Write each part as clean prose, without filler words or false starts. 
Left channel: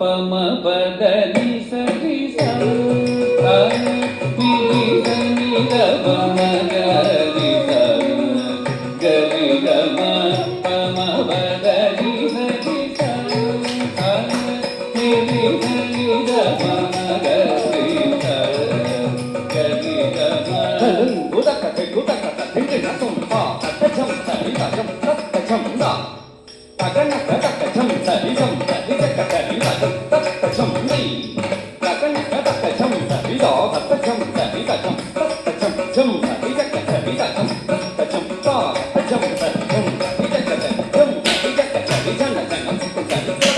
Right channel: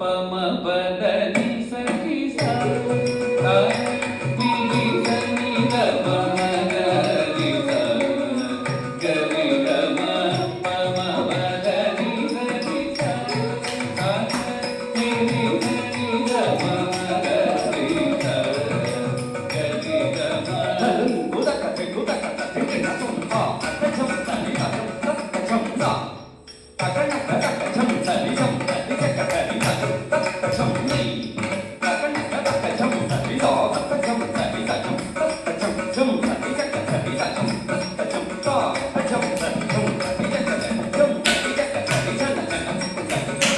ಪಮ ಪದ ನಿ ಸರಿ ಸ ನಿ ನಿ ಗ ಪಮ ಗರಿ ಸ ಗರಿ ಗ ಮ ಪಮ ಪದ ನಿ ಸರಿ ಸ ನಿ ನಿ ಗ ಪಮ ಗರಿ ಸ ಗರಿ ಗ ಮ ಉದಕ ಉದಕ ತಿಂಡಿ ನಸಂ ಪಾ ತಚಂ ತನಿ ತಚಂ ತಚಂ ತಾ ತಗನ ತಚಂ ತನಿ ತಚಂ ತಚಂ ತನಿ ತಚಂ ತಚಂ ನಿ ತಗನ ತಚಂ ತನಿ ದೋ ತಚಂ ತನಿ ತಚಂ ತಚಂ ಚಂ ತನಿ ತಚಂ ತನಿ ತಚಂ ತಚಂ ತಾ ತಚಂ ತಚಂ ತನಿ ತಚಂ ಚಂ ತನಿ ತಚಂ ತನಿ ಜನ ಜನ ತಚಂ ತಚಂ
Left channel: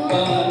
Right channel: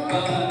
Thank you.